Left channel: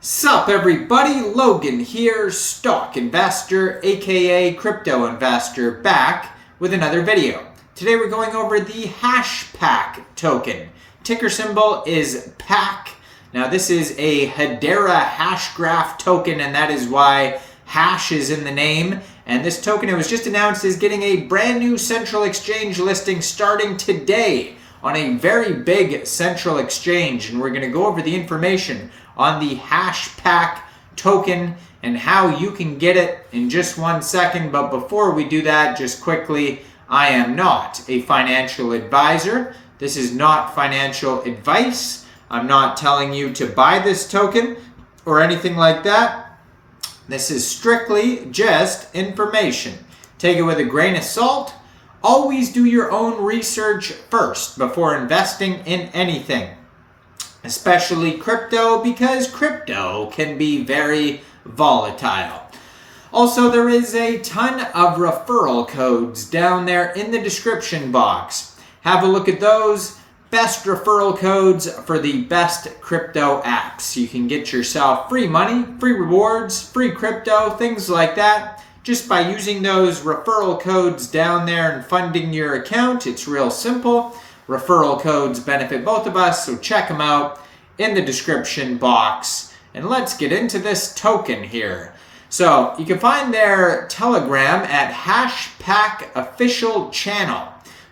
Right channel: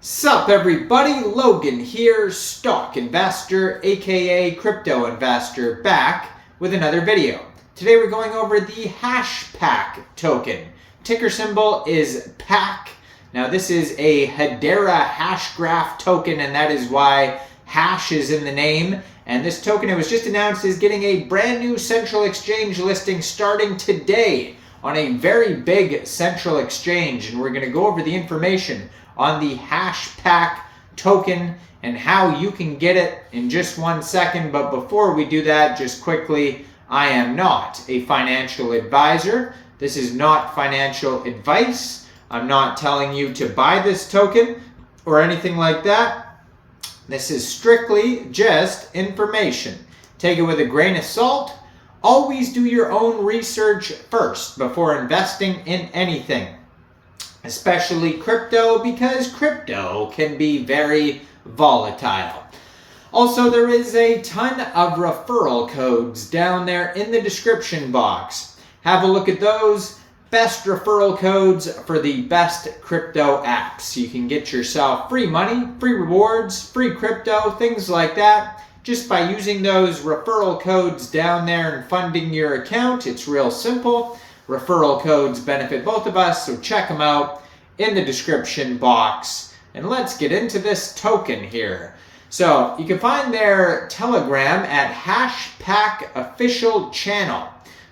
Sup everybody, Logan here, stock investor aka crypto investor, back with another video. Today we're going over the Hashpack token. Ticker symbol is PAC. Now this is a Hedera Hashgraph token, and that is why hash is in the name. And this token, it was just announced, is getting a brand new central exchange listing starting today on a very big central exchange, and we're going to go over the information on the Hashpack token and how you can get it in just 1 second. But before we do that, just quickly, I am not a financial advisor. This is not financial advice. I'm not telling you to buy this token or anything like that. This is strictly just information. Take it with a grain of salt. Always do your own research first before investing in anything, especially crypto, because crypto can be very volatile. Also, there is a ton of referral codes down there in the description box. Have a look at those. Best referral codes for the best crypto apps. You can get yourself free money, free rewards, free crypto, things like that, just by using those referral codes down there and funding your account. It's real simple. Referral codes benefit both of us, so check them out in the description box. And let's get into this token here. So you can find their Telegram at Hashpack Official Channel.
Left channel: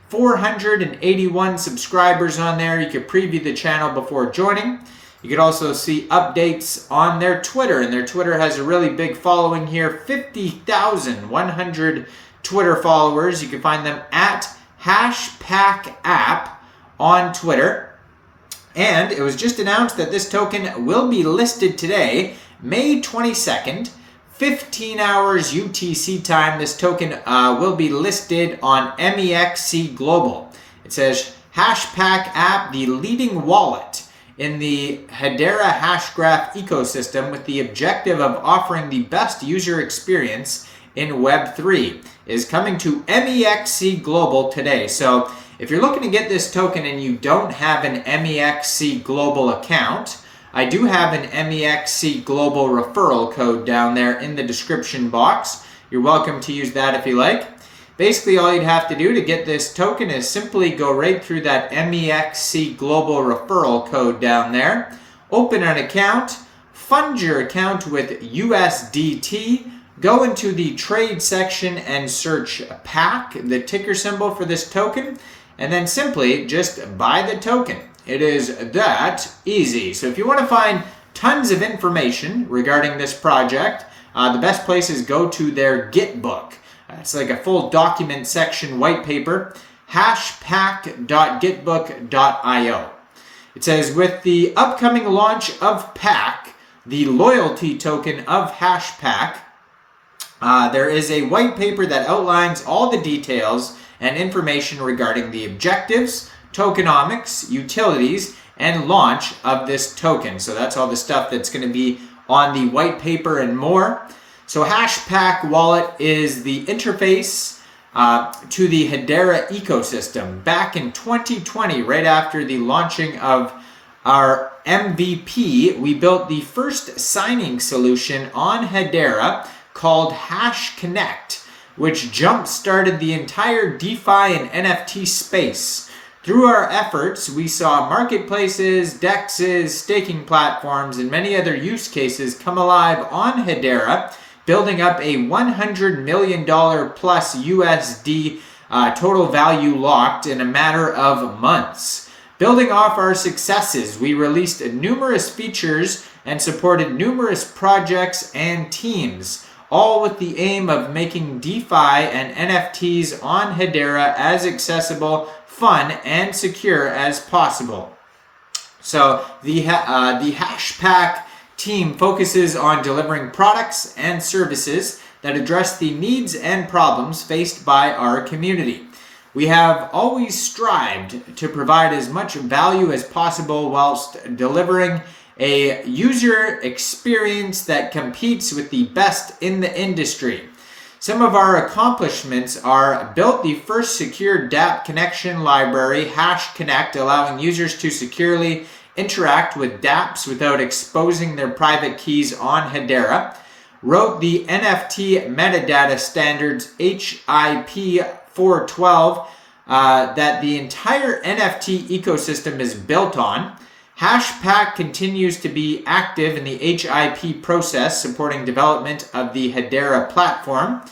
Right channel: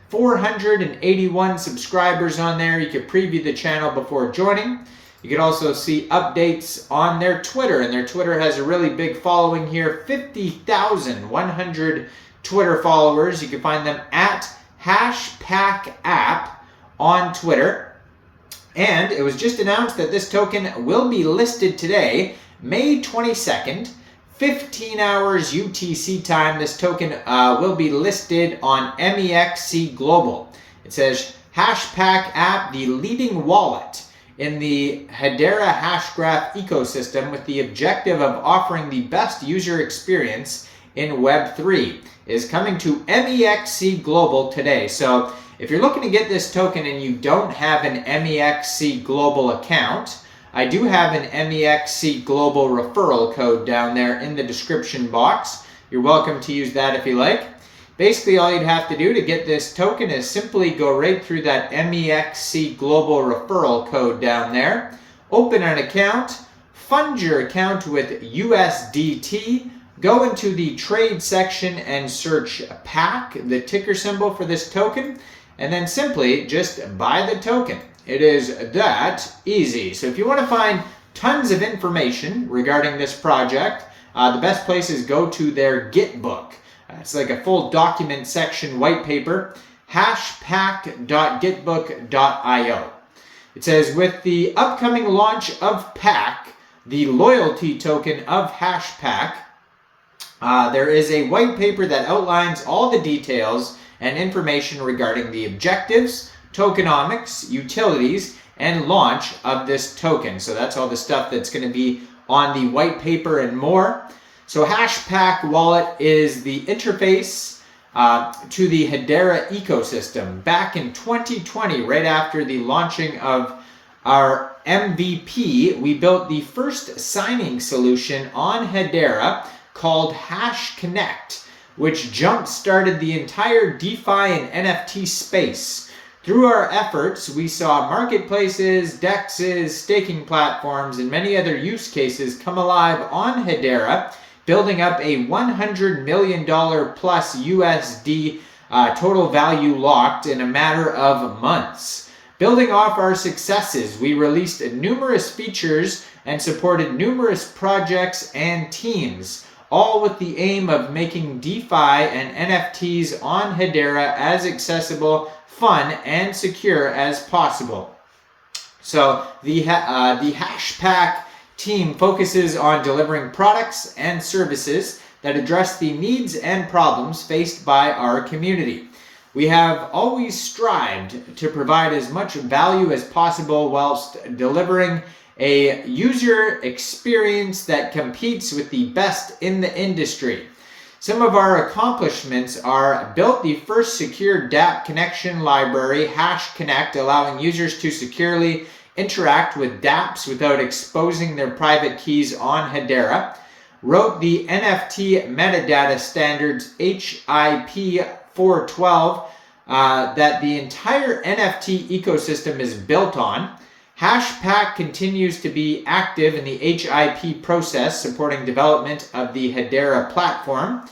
481 subscribers on there. You could preview the channel before joining. You could also see updates on their Twitter, and their Twitter has a really big following here, 50,100 Twitter followers. You can find them at Hashpack App on Twitter. And it was just announced that this token will be listed today, May 22nd, 15 hours UTC time. This token will be listed on Mexc Global. It says Hashpack App, the leading wallet in the Hedera Hashgraph ecosystem with the objective of offering the best user experience in Web3, is coming to Mexc Global today. So if you're looking to get this token and you don't have an Mexc Global account, I do have an Mexc Global referral code down there in the description box. You're welcome to use that if you like. Basically, all you'd have to do to get this token is simply go right through that Mexc Global referral code down there, open an account, fund your account with USDT, go into the trade section and search PAC, the ticker symbol for this token, and then simply just buy the token. It is that easy. So if you want to find tons of information regarding this project, the best place is go to their Git book. It's like a full document section white paper, hashpack.gitbook.io. It says, with the upcoming launch of PAC, the loyalty token of Hashpack, there is a white paper that outlines all the details and information regarding the objectives, tokenomics, utilities, and launch of this token. So that's all the stuff that's going to be on the white paper and more. So Hashpack Wallet is the interface to the Hedera ecosystem. Back in 2020, right after the launching of our MVP, we built the first signing solution on Hedera called Hashconnect, which jump-started the entire DeFi and NFT space. Through our efforts, we saw marketplaces, DEXs, staking platforms, and many other use cases come alive on Hedera, building up a $100 million plus USD total value locked in a matter of months. Building off our successes, we released numerous features and supported numerous projects and teams, all with the aim of making DeFi and NFTs on Hedera as accessible, fun, and secure as possible. So the Hashpack team focuses on delivering products and services that address the needs and problems faced by our community. We have always strived to provide as much value as possible whilst delivering a user experience that competes with the best in the industry. Some of our accomplishments are built the first secure dApp connection library, Hashconnect, allowing users to securely interact with dApps without exposing their private keys on Hedera, wrote the NFT metadata standards HIP 412 that the entire NFT ecosystem is built on. Hashpack continues to be active in the HIP process, supporting development of the Hedera platform,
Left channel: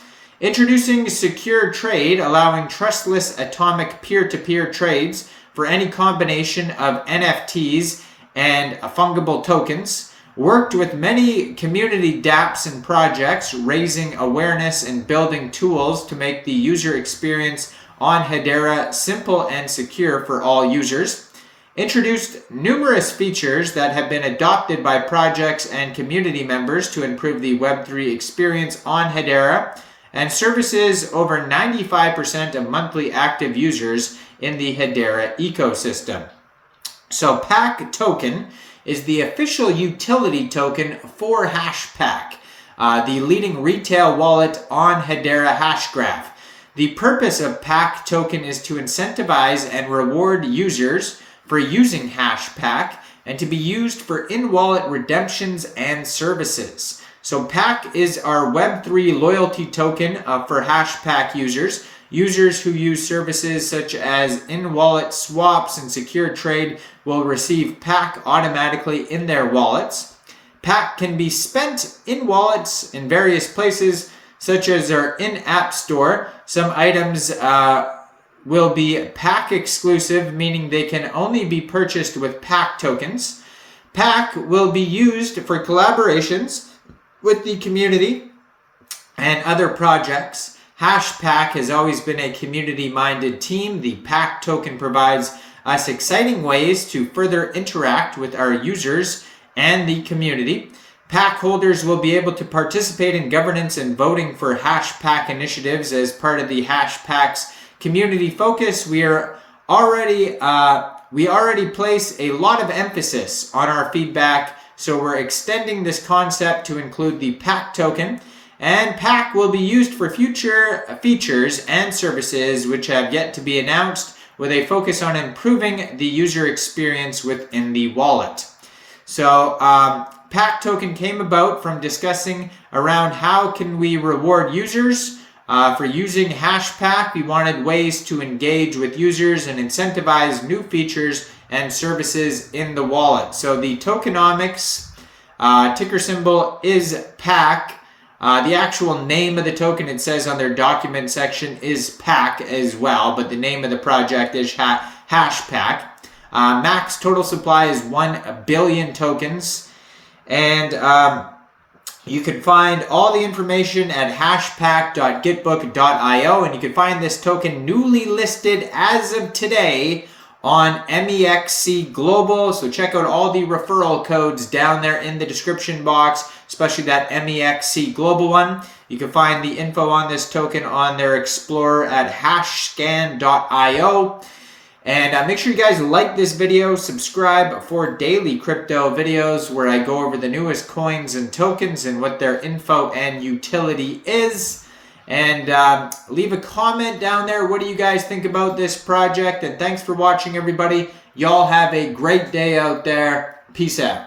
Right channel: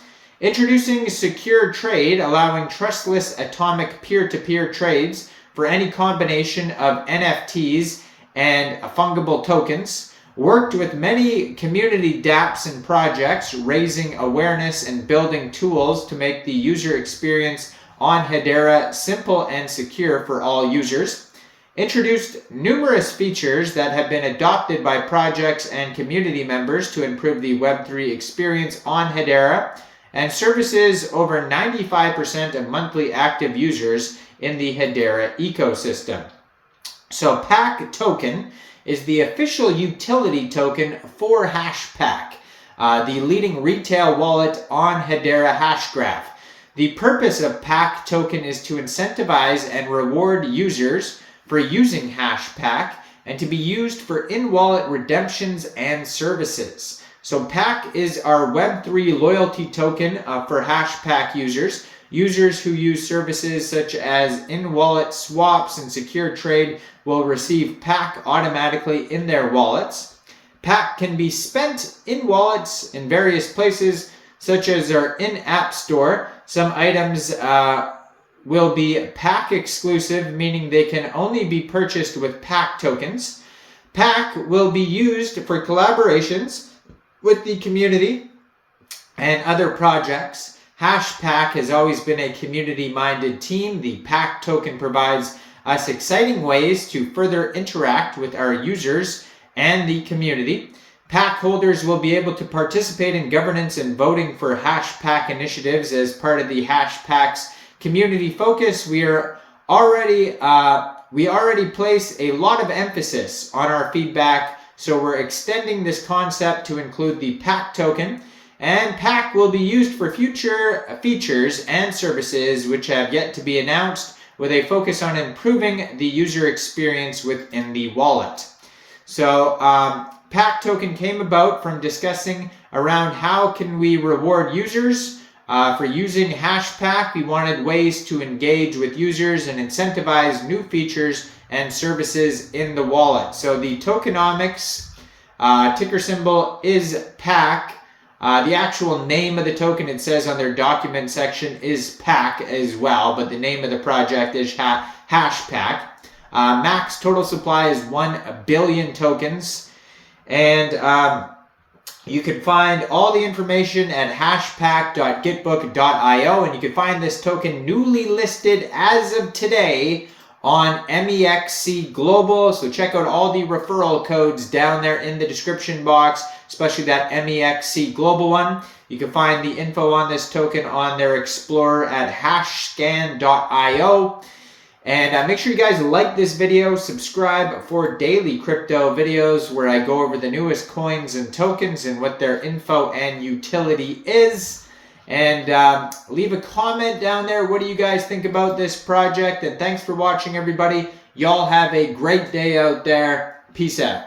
introducing secure trade, allowing trustless atomic peer-to-peer trades for any combination of NFTs and fungible tokens, worked with many community dApps and projects, raising awareness and building tools to make the user experience on Hedera simple and secure for all users, introduced numerous features that have been adopted by projects and community members to improve the Web3 experience on Hedera, and services over 95% of monthly active users in the Hedera ecosystem. So PAC token is the official utility token for Hashpack, the leading retail wallet on Hedera Hashgraph. The purpose of PAC token is to incentivize and reward users for using Hashpack and to be used for in-wallet redemptions and services. So PAC is our Web3 loyalty token for Hashpack users. Users who use services such as in-wallet swaps and secure trade will receive PAC automatically in their wallets. PAC can be spent in wallets in various places, such as our in-app store. Some items will be PAC exclusive, meaning they can only be purchased with PAC tokens. PAC will be used for collaborations with the community and other projects. Hashpack has always been a community-minded team. The PAC token provides us exciting ways to further interact with our users and the community. PAC holders will be able to participate in governance and voting for Hashpack initiatives as part of the Hashpack's community focus. We already place a lot of emphasis on our feedback, so we're extending this concept to include the PAC token. And PAC will be used for future features and services which have yet to be announced, with a focus on improving the user experience within the wallet. So PAC token came about from discussing around how can we reward users for using Hashpack. We wanted ways to engage with users and incentivize new features and services in the wallet. So the tokenomics ticker symbol is PAC. The actual name of the token, it says on their document section, is PAC as well, but the name of the project is Hashpack. Max total supply is 1 billion tokens, and you can find all the information at hashpack.gitbook.io, and you can find this token newly listed as of today on Mexc Global, so check out all the referral codes down there in the description box, especially that Mexc Global one. You can find the info on this token on their Explorer at hashscan.io. And make sure you guys like this video, subscribe for daily crypto videos where I go over the newest coins and tokens and what their info and utility is. And leave a comment down there. What do you guys think about this project? And thanks for watching, everybody. Y'all have a great day out there. Peace out.